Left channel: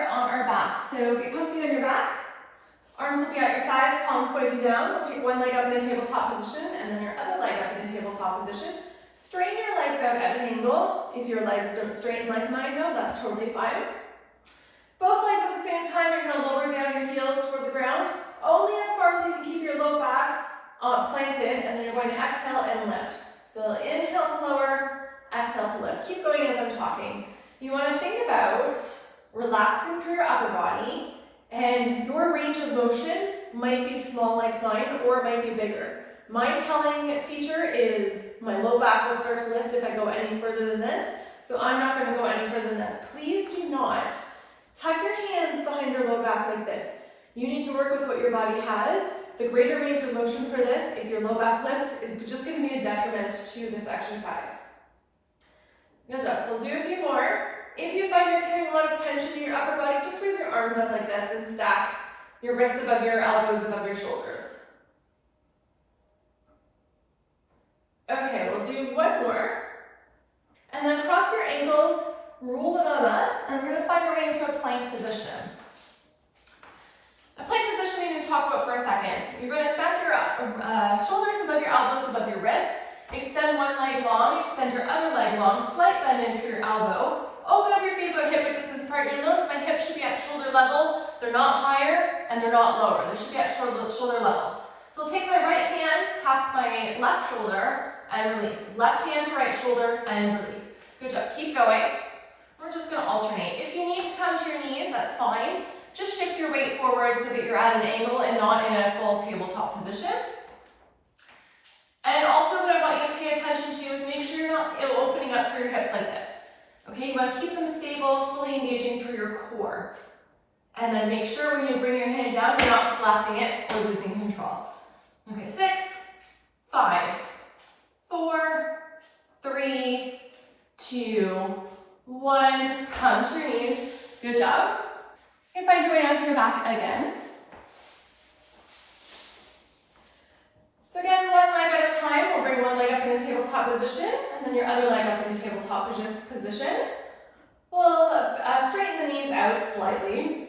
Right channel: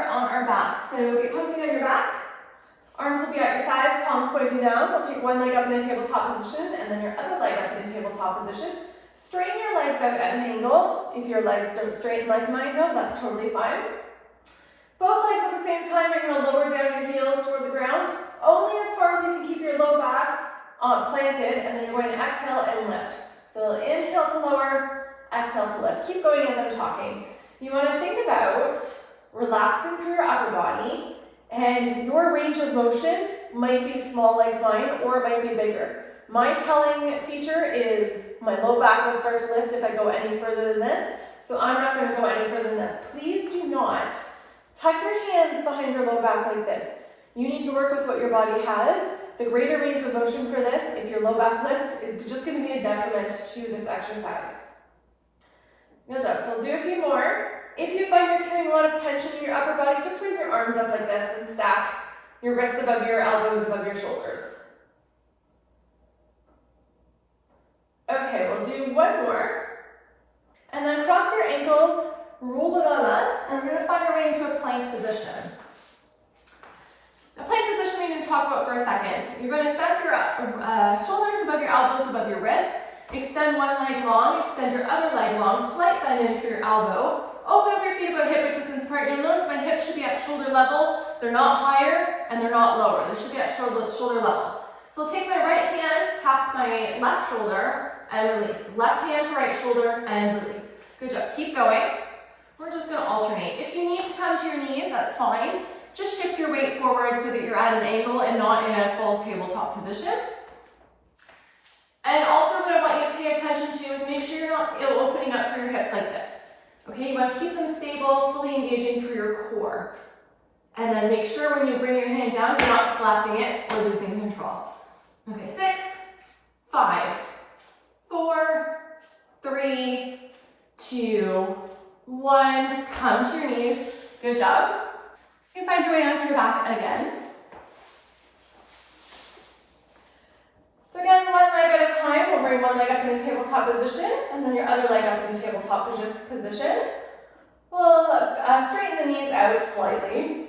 start on our back. So get comfy on your back. Arms will be at your sides, palms pointing down. We'll take one leg up in a tabletop position and then your other leg up in a tabletop position. Straighten your legs out at an angle. If your legs don't straighten like mine don't, that's totally fine. Both legs at the same time, you're going to lower down your heels toward the ground, only as far as you can keep your low back planted, and then you're going to exhale and lift. So inhale to lower, exhale to lift. Keep going as I'm talking. You want to think about relaxing through your upper body, and your range of motion might be small like mine, or it might be bigger. My telling feature is my low back will start to lift if I go any further than this, so I'm not going to go any further than this. Please do not tuck your hands behind your low back like this. You need to work with what your body has. The greater range of motion for this, if your low back lifts, is just going to be a detriment to this exercise. Good job. So we'll do a few more. If you find you're carrying a lot of tension in your upper body, just raise your arms up like this and stack your wrists above your elbows, above your shoulders. Okay, we'll do one more. And then cross your ankles, roll it on up, and we're going to find our way into a plank position. A plank position we need to talk about for a second. You're going to stack your shoulders above your elbows, above your wrists. Extend one leg long, extend your other leg long, slight bend in through your elbow. Open up your feet about hip width distance apart. You'll notice my hips should be at shoulder level. They're not higher and they're not lower. They should be at shoulder level. So I'll take my right hand, tap my left shoulder, and release. Left hand to right shoulder, and release. Good job. Keep going. We're just going to alternate. If you need to come to your knees, that's fine. Just shift your weight forward so that you're at an angle and not in a full tabletop position. And also what I want you to pay attention to is make sure you're not opening up through your hips like this. Okay, you want to keep them stable, fully engaging through your core. And then make sure when you bring your hand down, you're not slapping it or losing control. Okay, 6, 5, 4, 3, 2, 1. Come to your knees. Good job. You can find your way onto your back again. So again, one leg at a time. We'll bring one leg up in a tabletop position, and then your other leg up in a tabletop position. We'll straighten the knees out slightly.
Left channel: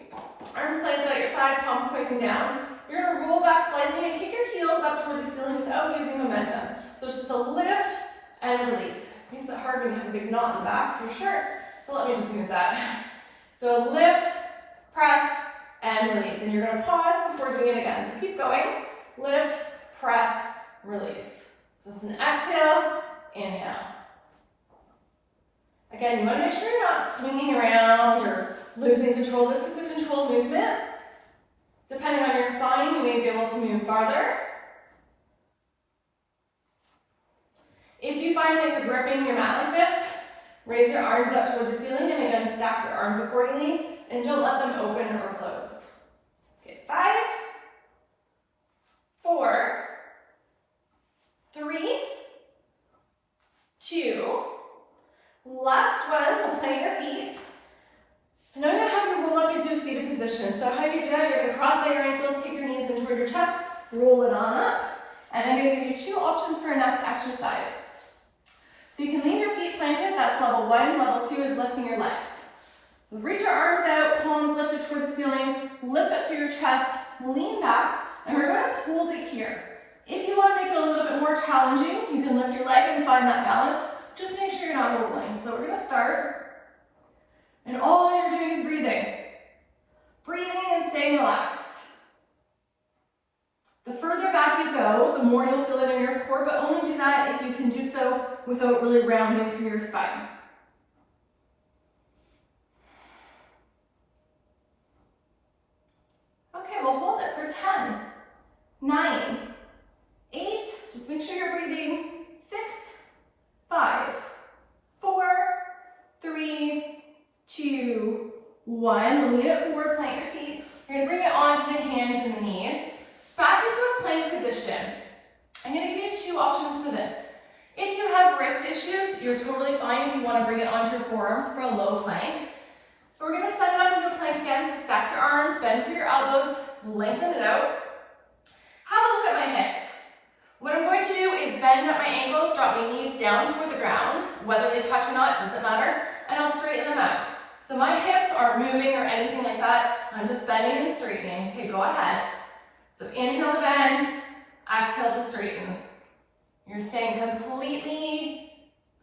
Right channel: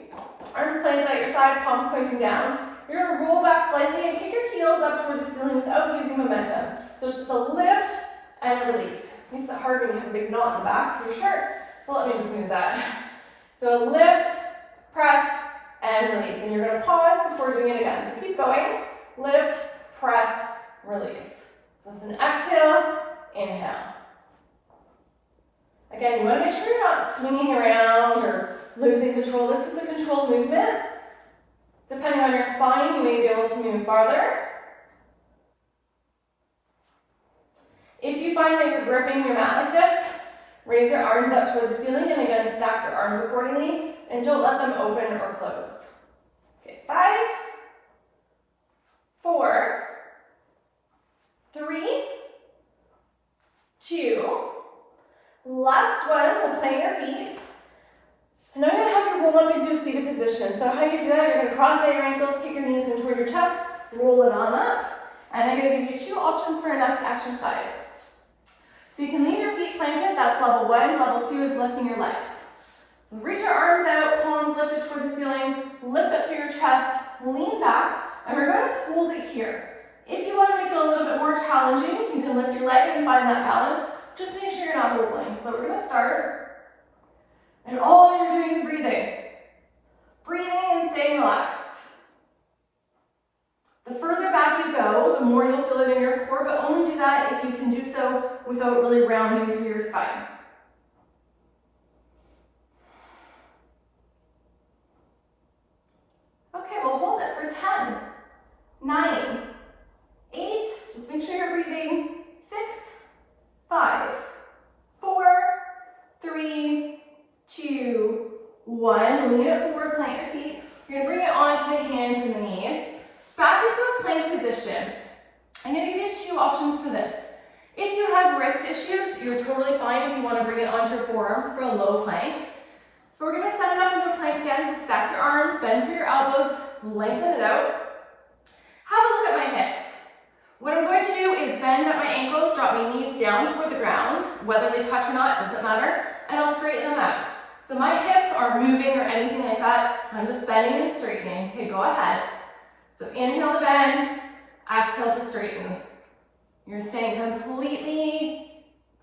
Arms planted at your side, palms pointing down. You're going to roll back slightly and kick your heels up toward the ceiling without using momentum. So it's just a lift and release. Makes it hard when you have a big knot in the back for your shirt. So let me just move that. So lift, press, and release. And you're going to pause before doing it again. So keep going. Lift, press, release. So it's an exhale, inhale. Again, you want to make sure you're not swinging around or losing control. This is a controlled movement. Depending on your spine, you may be able to move farther. If you find that you're gripping your mat like this, raise your arms up toward the ceiling and again stack your arms accordingly and don't let them open or close. Okay, 5, 4, 3, 2, last one, we'll plant your feet. And I'm going to have you roll up into a seated position. So how you do that, you're going to cross out your ankles, take your knees in toward your chest, roll it on up. And I'm going to give you 2 options for our next exercise. So you can leave your feet planted, that's level 1. Level 2 is lifting your legs. So reach your arms out, palms lifted toward the ceiling, lift up through your chest, lean back, and we're going to hold it here. If you want to make it a little bit more challenging, you can lift your leg and find that balance. Just make sure you're not rolling. So we're going to start. And all you're doing is breathing. Breathing and staying relaxed. The further back you go, the more you'll feel it in your core, but only do that if you can do so without really rounding through your spine. Okay, we'll hold it for 10, 9, 8, just make sure you're breathing, 6, 5, 4, 3, 2, 1. Lean it forward, plant your feet. You're going to bring it onto the hands and the knees. Back into a plank position. I'm going to give you 2 options for this. If you have wrist issues, you're totally fine if you want to bring it onto your forearms for a low plank. So we're going to set it up into a plank again. So stack your arms, bend through your elbows, lengthen it out. Have a look at my hips. What I'm going to do is bend at my ankles, drop my knees down toward the ground. Whether they touch or not, doesn't matter. And I'll straighten them out. So my hips aren't moving or anything like that. I'm just bending and straightening. Okay, go ahead. So inhale to bend, exhale to straighten. You're staying completely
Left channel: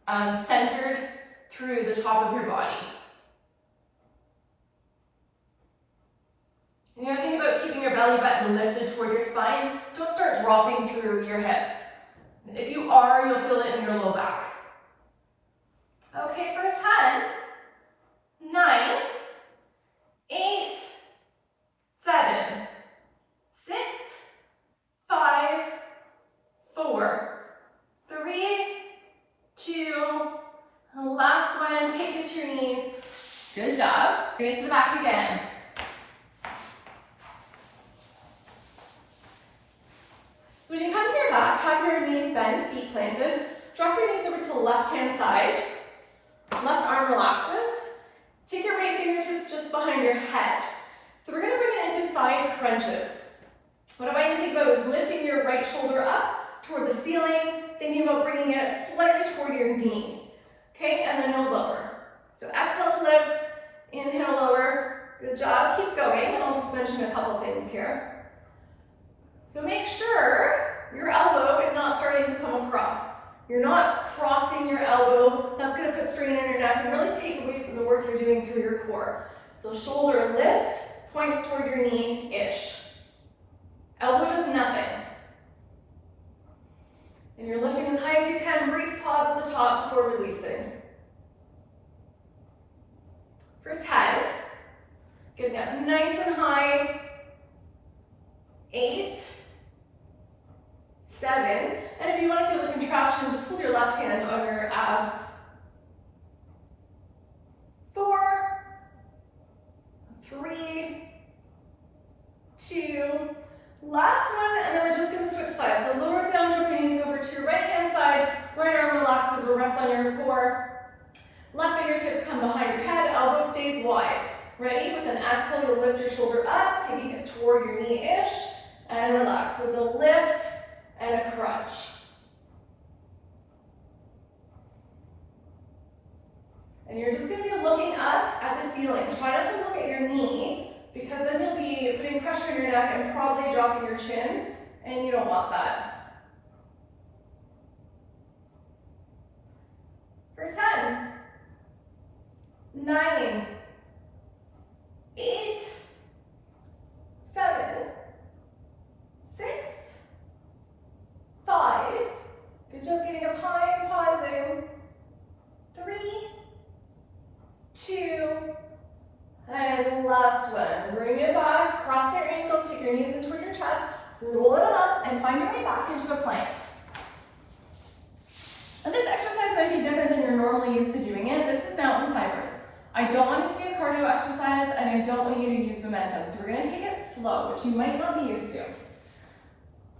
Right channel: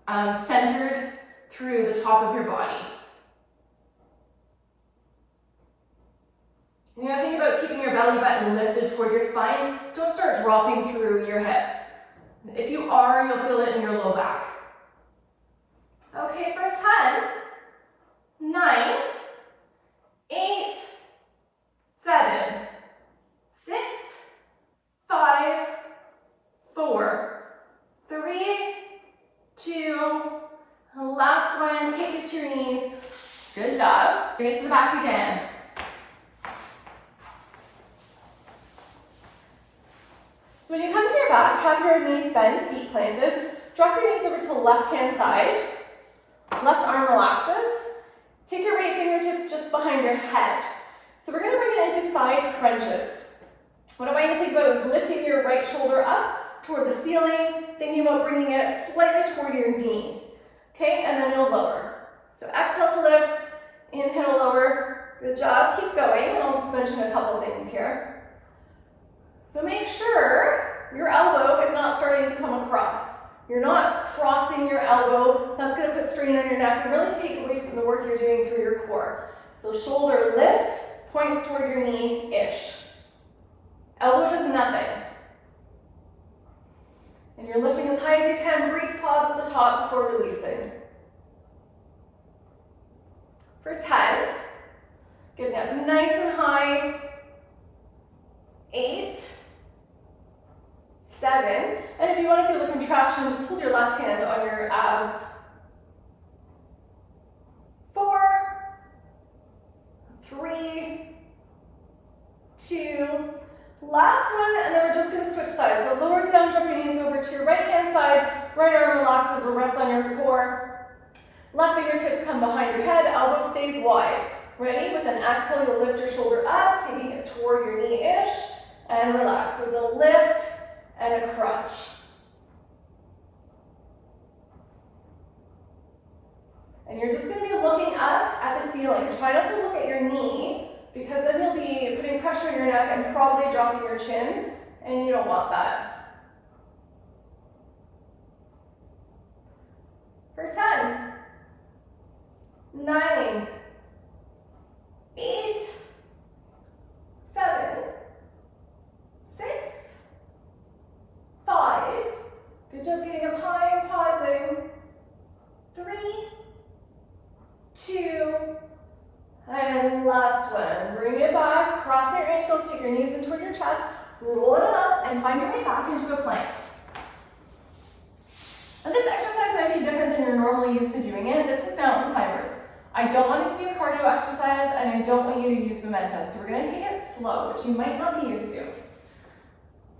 centered through the top of your body. You gotta think about keeping your belly button lifted toward your spine. Don't start dropping through your hips. If you are, you'll feel it in your low back. Okay, for a 10, 9, 8, 7, 6, 5, 4, 3, 2, last one, take it to your knees. Good job. Bring it to the back again. So when you come to your back, have your knees bent, feet planted. Drop your knees over to the left-hand side. Left arm relaxes. Take your right fingertips just behind your head. So we're going to bring it into side crunches. What I want you to think about is lifting your right shoulder up toward the ceiling, thinking about bringing it slightly toward your knee. Okay, and then you'll lower. So exhale to lift, inhale, lower. Good job, keep going, and I'll just mention a couple things here. So make sure your elbow is not starting to come across. You're not crossing your elbow. That's going to put strain on your neck and really take away from the work you're doing through your core. So shoulder lifts, points toward your knee-ish. Elbow does nothing. And you're lifting as high as you can. Brief pause at the top before releasing. For 10, getting up nice and high. 8, 7, and if you want to feel the contraction, just hold your left hand on your abs. 4, 3, 2, last one, and then we're just going to switch sides. So lower down, drop your knees over to your right hand side, right arm relaxes or rests on your core. Left fingertips come behind your head, elbow stays wide. Ready? With an exhale, you'll lift your shoulder up, taking it toward your knee-ish, and relax with a lift and a crunch. And you're just going to be looking up at the ceiling. Try not to look at your knee, because then you'll be putting pressure on your neck and probably dropping your chin, and you don't want that. For 10, 9, 8, 7, 6, 5, good job getting up high and pausing, 3, 2, and last one. Bring it back, cross your ankles, take your knees in toward your chest, roll it up, and find your way back into a plank. And this exercise might be different than you're normally used to doing it. This is mountain climbers. I don't want it to be a cardio exercise, and I don't want you to use momentum. So we're going to take it slow, which you might not be used to.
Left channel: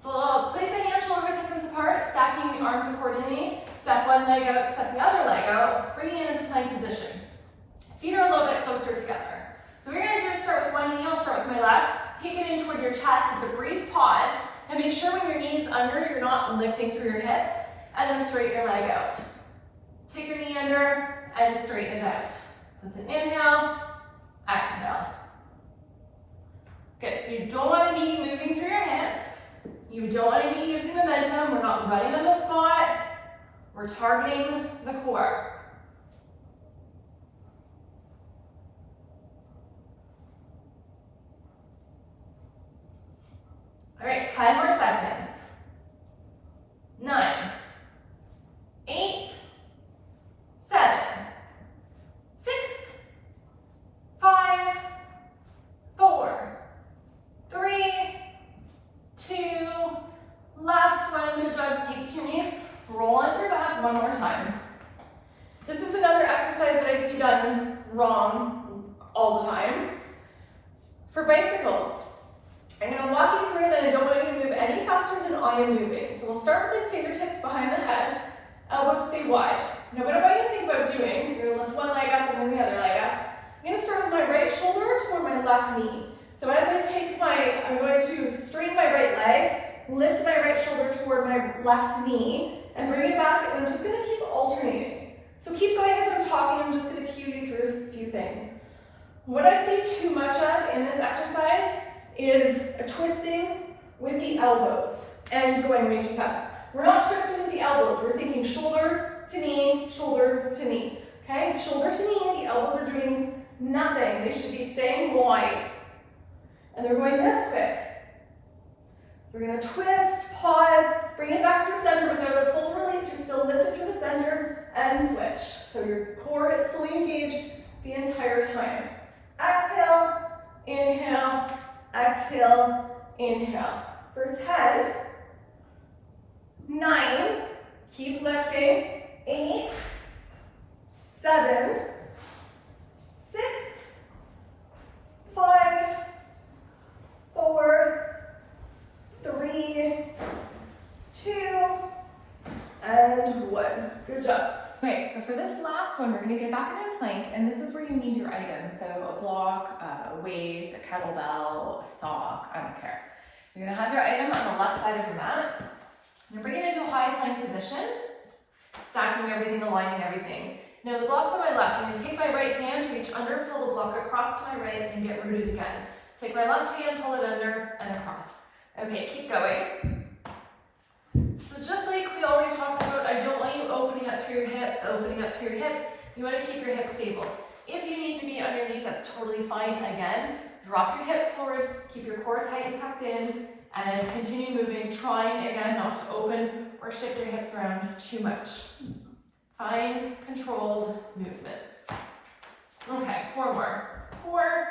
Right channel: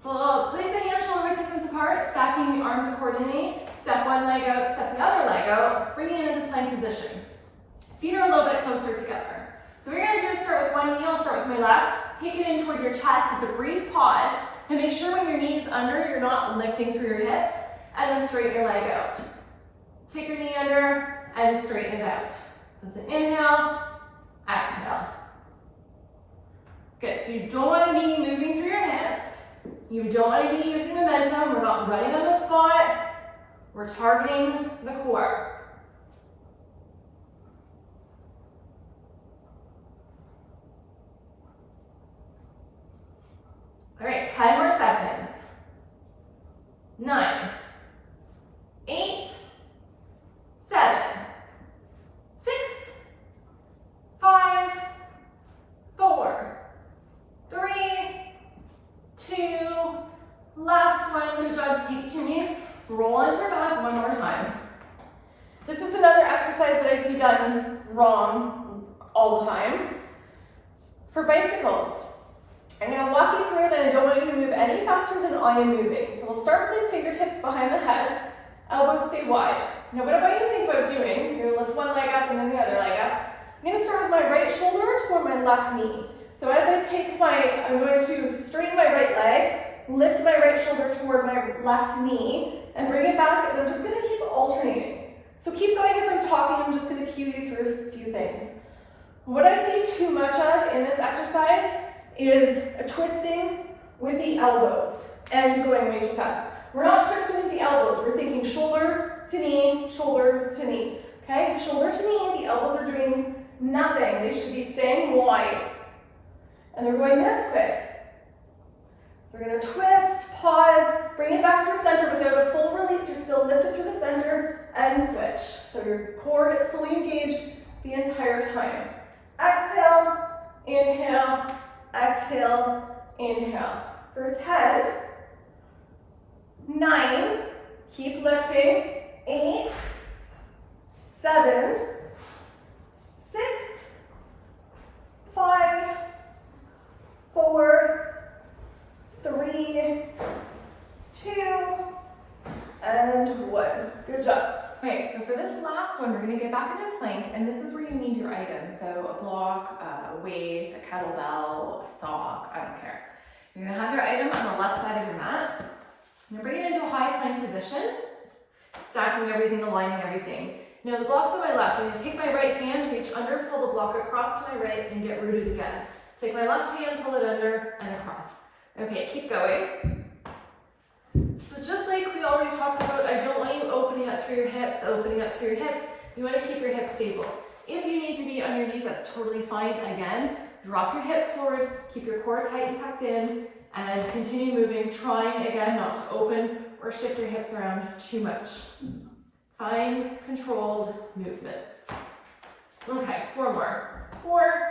So place the hands shoulder distance apart, stacking the arms accordingly. Step one leg out, step the other leg out, bringing it into plank position. Feet are a little bit closer together. So what we're going to do is start with one knee. I'll start with my left. Take it in toward your chest. It's a brief pause. And make sure when your knee is under, you're not lifting through your hips. And then straighten your leg out. Take your knee under and straighten it out. So it's an inhale, exhale. Good, so you don't want to be moving through your hips. You don't want to be using momentum. We're not running on the spot. We're targeting the core. All right, 10 more seconds. 9, 8, 7, 6, 5, 4, 3, 2, last one. Good job. Take it to your knees. Roll onto your back one more time. This is another exercise that I see done wrong all the time. For bicycles, I'm going to walk you through it, and I don't want you to move any faster than I am moving. So we'll start with the fingertips behind the head, elbows stay wide. Now what I want you to think about doing, you're going to lift one leg up and then the other leg up. I'm going to start with my right shoulder toward my left knee. So as I take I'm going to straighten my right leg, lift my right shoulder toward my left knee, and bring it back, and I'm just going to keep alternating. So keep going as I'm talking. I'm just going to cue you through a few things. What I see too much of in this exercise is a twisting with the elbows and going way too fast. We're not twisting with the elbows. We're thinking shoulder to knee, okay? Shoulder to knee, the elbows are doing nothing. They should be staying wide. And they're going this quick. So we're gonna twist, pause, bring it back through center without a full release. You're still lifted through the center and switch. So your core is fully engaged the entire time. Exhale, inhale, exhale, inhale. For 10, 9, keep lifting, 8, 7, 6, 5, 4, 3, 2, and 1. Good job. Okay, so for this last one, we're going to get back into plank, and this is where you need your items. So a block, a weight, a kettlebell, a sock, I don't care. You're going to have your item on the left side of your mat. You're bringing it into a high plank position, stacking everything, aligning everything. Now the block's on my left. I'm going to take my right hand, reach under, pull the block across to my right, and get rooted again. Take my left hand, pull it under, and across. Okay, keep going. So just like we already talked about, I don't want you opening up through your hips, You want to keep your hips stable. If you need to be on your knees, that's totally fine. Again, drop your hips forward, keep your core tight and tucked in, and continue moving, trying again not to open or shift your hips around too much. Find controlled movements. Okay, 4 more. 4,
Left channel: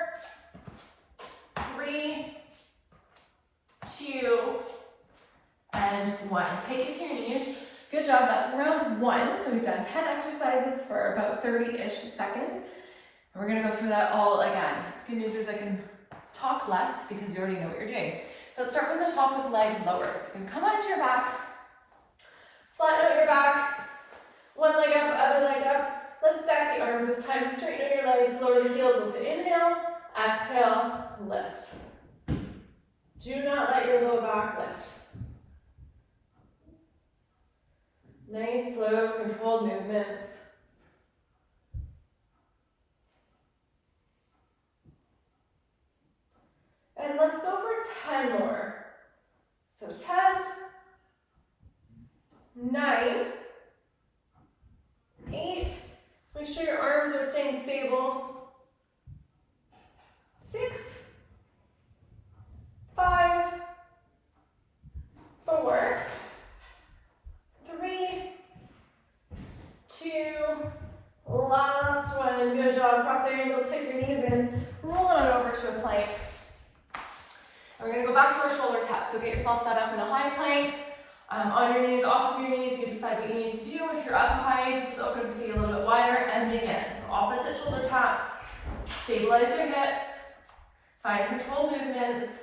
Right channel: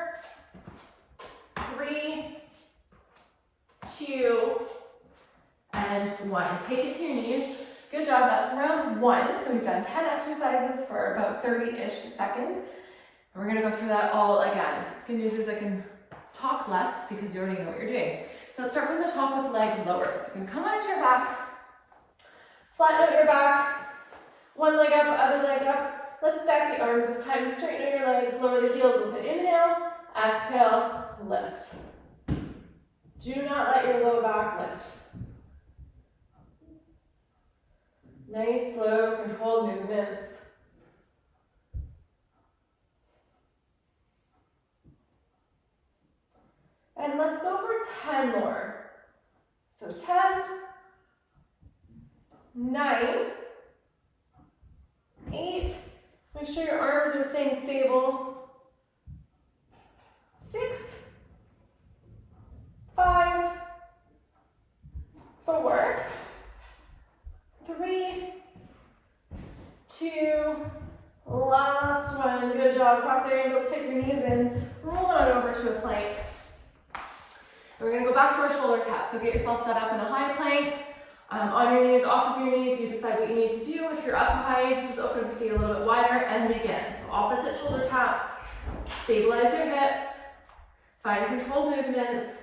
3, 2, and 1. Take it to your knees. Good job, that's round 1. So we've done 10 exercises for about 30-ish seconds. And we're gonna go through that all again. Good news is I can talk less because you already know what you're doing. So let's start from the top with legs lower. So you can come onto your back, flatten out your back, one leg up, other leg up. Let's stack the arms this time. Straighten out your legs, lower the heels with an inhale, exhale, lift. Do not let your low back lift. Nice, slow, controlled movements. And let's go for 10 more. So 10, 9, 8, make sure your arms are staying stable. 6, 5, 4, 3, 2, last one. Good job. Cross your ankles, take your knees in, roll it on over to a plank. And we're going to go back to our shoulder taps. So get yourself set up in a high plank. On your knees, off of your knees, you decide what you need to do. If you're up high, just open the feet a little bit wider and again. So opposite shoulder taps. Stabilize your hips. Find controlled movements.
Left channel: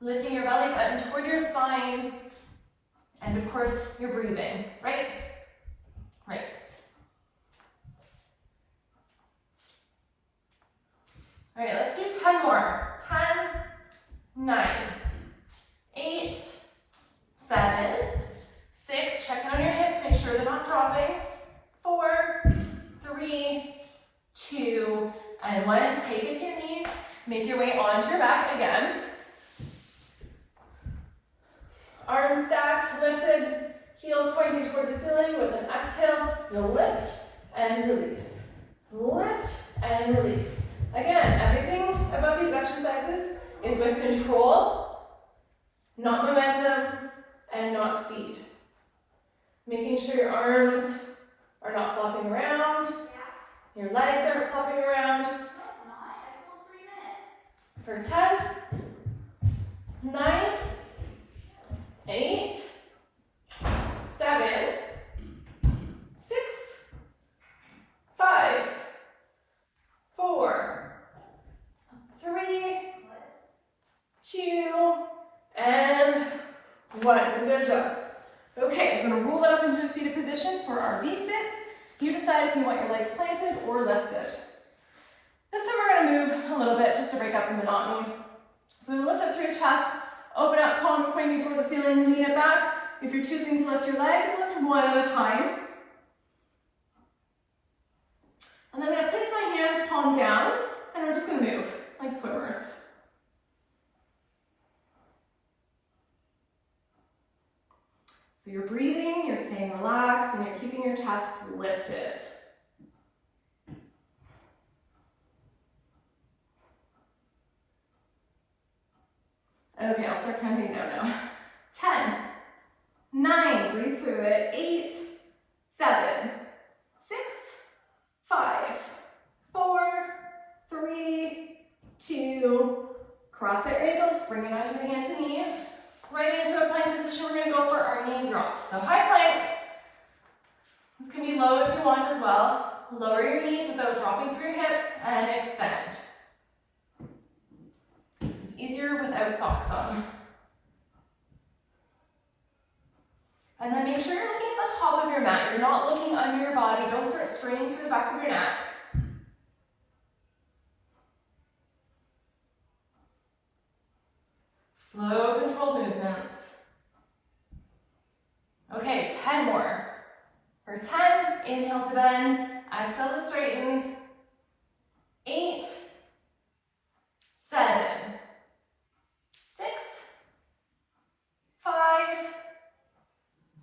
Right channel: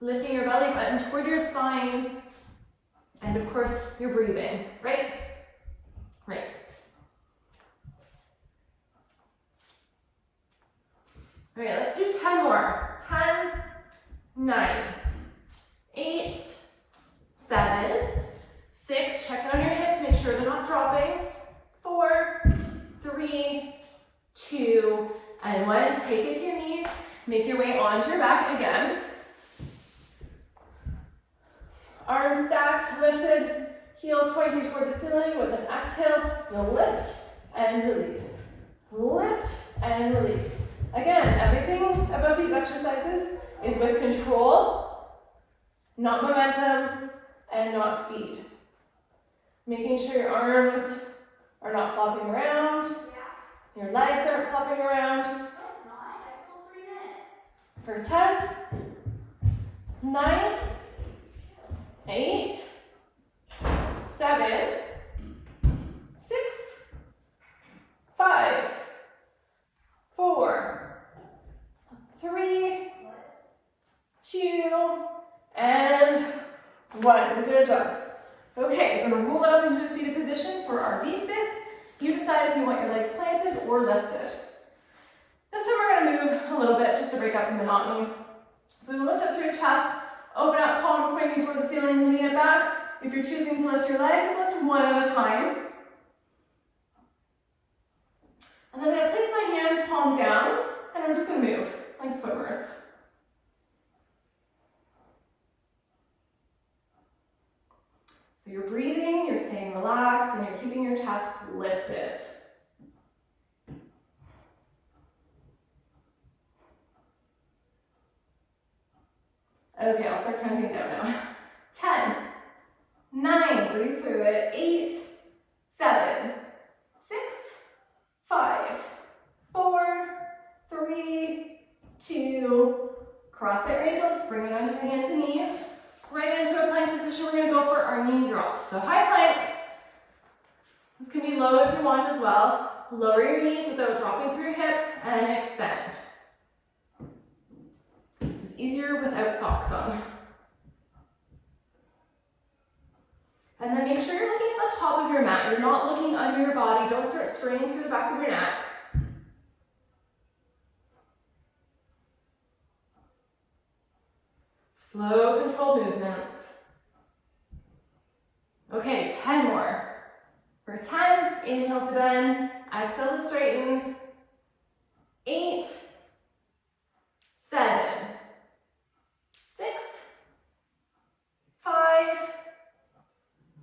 Lifting your belly button toward your spine. And of course, you're breathing, right? Right. All right, let's do 10 more. 10, 9, 8, 7, 6, check on your hips, make sure they're not dropping. 4, 3, 2, and 1. Take it to your knees, make your way onto your back again. Arms stacked, lifted, heels pointing toward the ceiling. With an exhale, you'll lift and release. Lift and release. Again, everything about these exercises is with control, not momentum, and not speed. Making sure your arms are not flopping around, your legs aren't flopping around. For 10, 9, 8, 7, 6, 5, 4, 3, 2, and 1. Good job. Okay, we're going to roll that up into a seated position for our V-sits. You decide if you want your legs planted or lifted. This time we're going to move a little bit just to break up the monotony. So lift up through your chest, open up, palms pointing toward the ceiling, lean it back. If you're choosing to lift your legs, lift one at a time. And then I'm going to place my hands palm down And we're just gonna move like swimmers. So you're breathing, you're staying relaxed, and you're keeping your chest lifted. Okay, I'll start counting down now. 10, 9, breathe through it. 8, 7, 6, 5, 4, 3, 2, cross at your ankles, bring it onto your hands and knees. Right into a plank position, we're gonna go for our knee drops. So high plank. This can be low if you want as well. Lower your knees without dropping through your hips and extend. This is easier without socks on. And then make sure you're looking at the top of your mat. You're not looking under your body. Don't start straining through the back of your neck. Slow, controlled movements. Okay, 10 more. For 10, inhale to bend, exhale to straighten. 8, 7, 6, 5,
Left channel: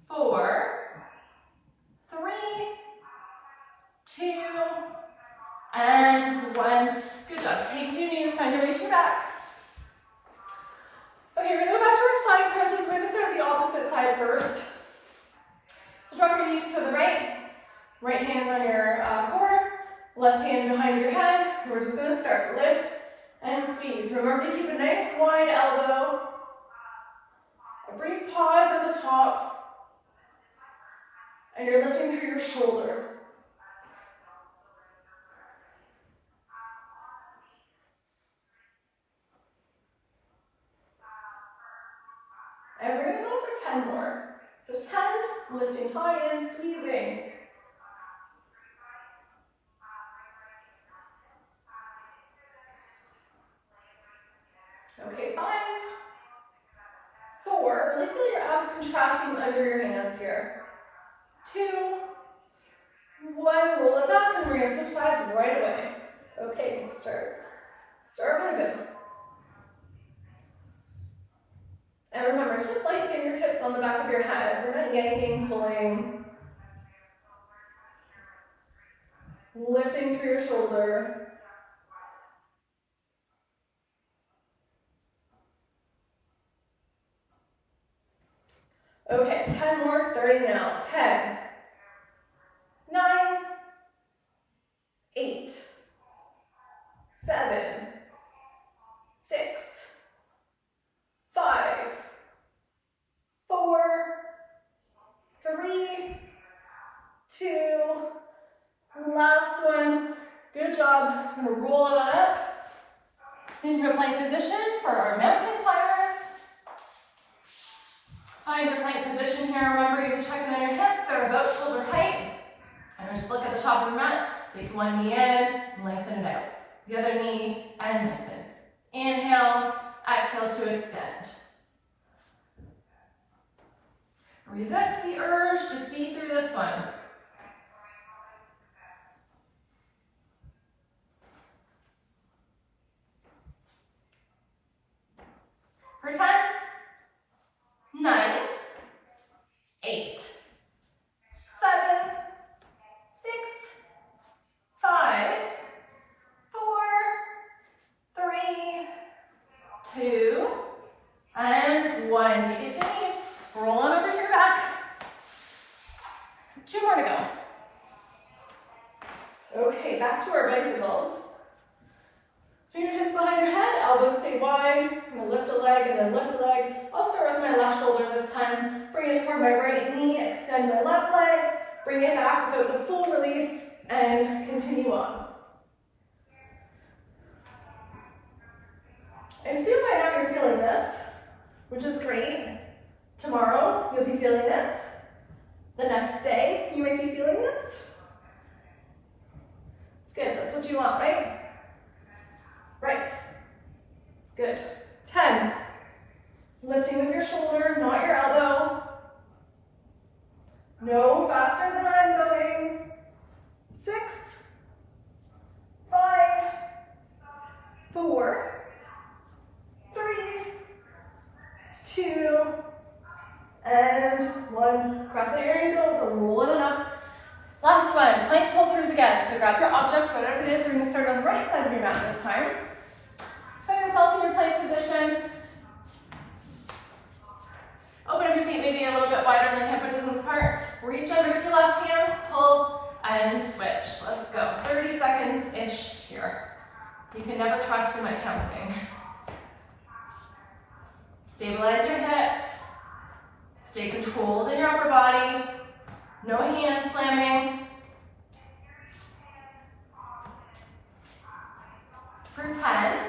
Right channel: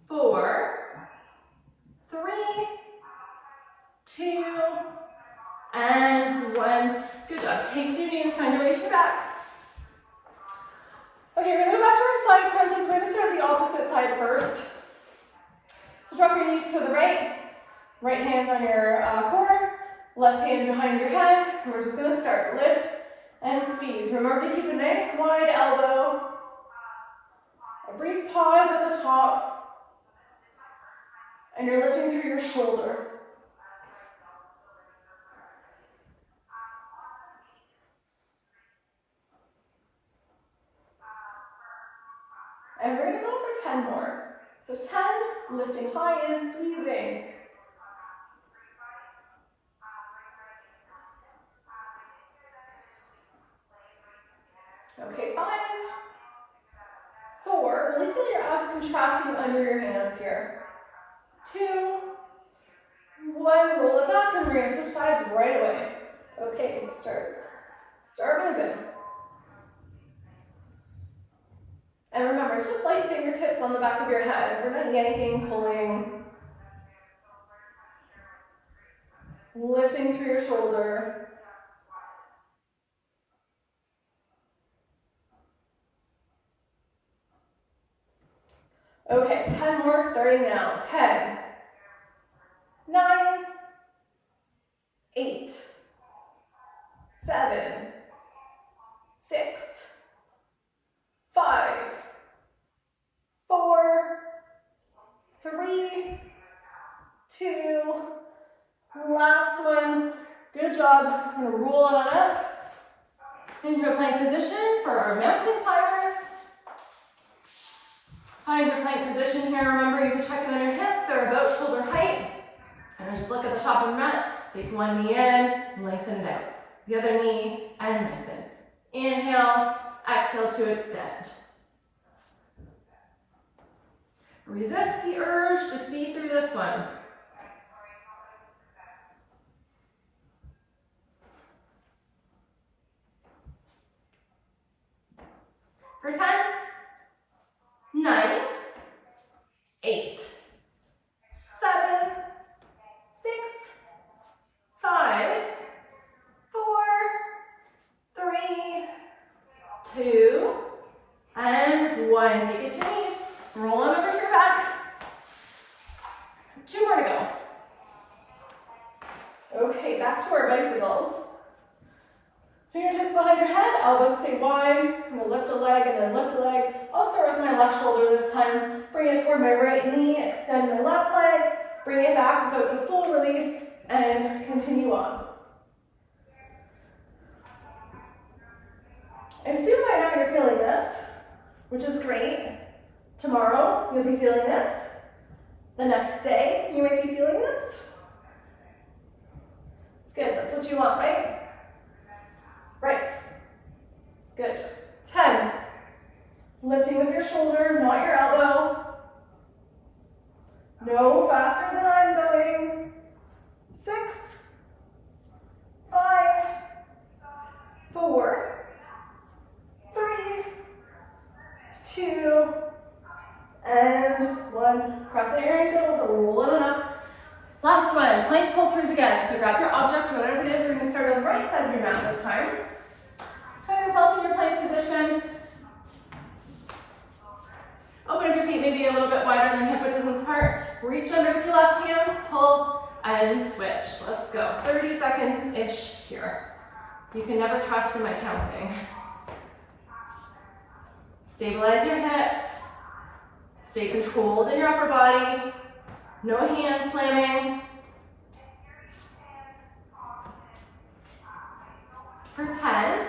4, 3, 2, and 1. Good job. Take to your knees, find your way to your back. Okay, we're gonna go back to our side crunches. We're gonna start the opposite side first. So drop your knees to the right, right hand on your core, left hand behind your head. And we're just gonna start lift and squeeze. Remember to keep a nice wide elbow. A brief pause at the top, and you're lifting through your shoulder. And we're gonna go for 10 more. So 10, lifting high and squeezing. Okay, 5, 4, really feel your abs contracting under your hands here. 2, 1, roll it back, and we're gonna switch sides right away. Okay, start moving. And remember, it's just light fingertips on the back of your head. We're not yanking, pulling. Lifting through your shoulder. Okay, 10 more starting now. 10, 9, 8, 7, 6, 5, 4, 3, 2, last one. Good job. I'm going to roll it on up into a plank position for our mountain climbers. Find your plank position here. Remember to check in on your hips. They're about shoulder height. And just look at the top of your mat. Take one knee in, lengthen it out. The other knee, and lengthen. Inhale, exhale to extend. Resist the urge to speed through this one. For 10, 9, 8, 7, 6, 5, 4, 3, 2, and 1. Take it to your knees. Roll on over to your back. 2 more to go. Okay, back to our bicycles. Fingertips behind your head, elbows stay wide. I'm gonna lift a leg and then lift a leg. I'll start with my left shoulder this time. Bring it toward my right knee, extend my left leg, bring it back without the full release, and continue on. I assume by now you're feeling this, which is great. Tomorrow, you'll be feeling this. The next day, you might be feeling this. It's good, that's what you want, right? Right. Good. 10. Lifting with your shoulder, not your elbow. No faster than I'm going. 6, 5, 2, and 1. Cross out your ankles, rolling it up. Last one, plank pull-throughs again. So grab your object, whatever it is, we're gonna start on the right side of your mat this time. Set yourself in your plank position. Open up your feet maybe a little bit wider than hip width distance apart. Reach under with your left hand, pull, and switch. Let's go. 30 seconds-ish here. You can never trust in my counting. Stabilize your hips. Stay controlled in your upper body. No hand slamming. For 10,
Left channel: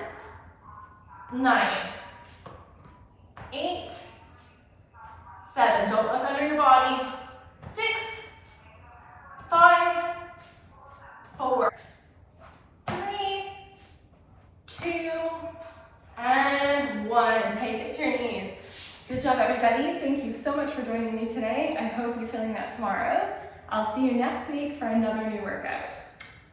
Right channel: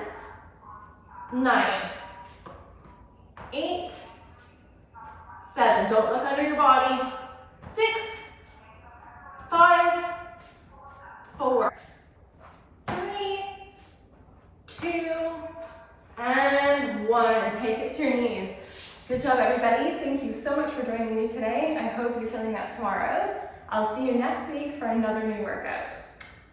9, 8, 7. Don't look under your body. 6, 5, 4, 3, 2, and 1. Take it to your knees. Good job, everybody. Thank you so much for joining me today. I hope you're feeling that tomorrow. I'll see you next week for another new workout.